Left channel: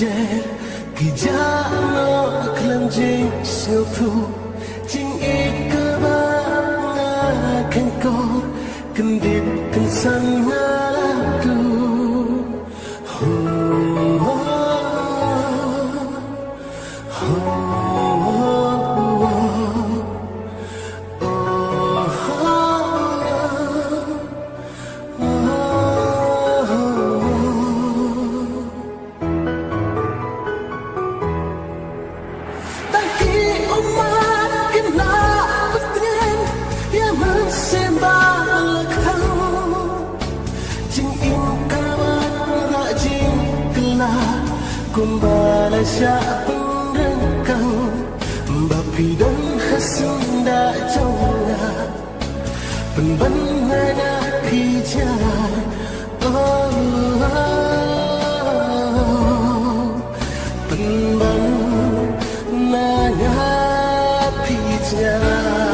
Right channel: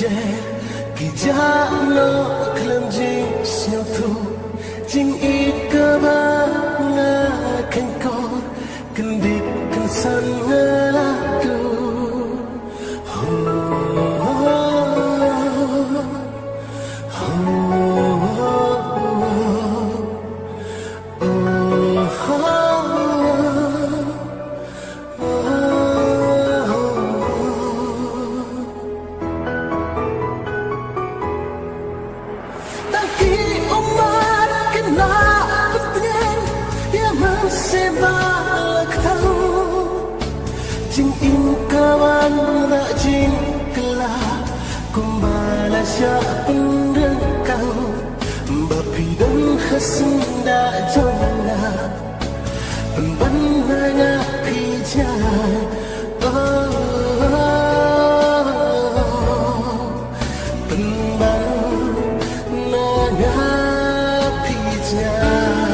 jet Kijak no klam jing snow thu Jing ikaba ngakan kor Kendit kensan ngaladu Jing im kawan rajin kelak kumbala syak penderkang bapi dan hasen da jona penbanana pijai penbanana pijai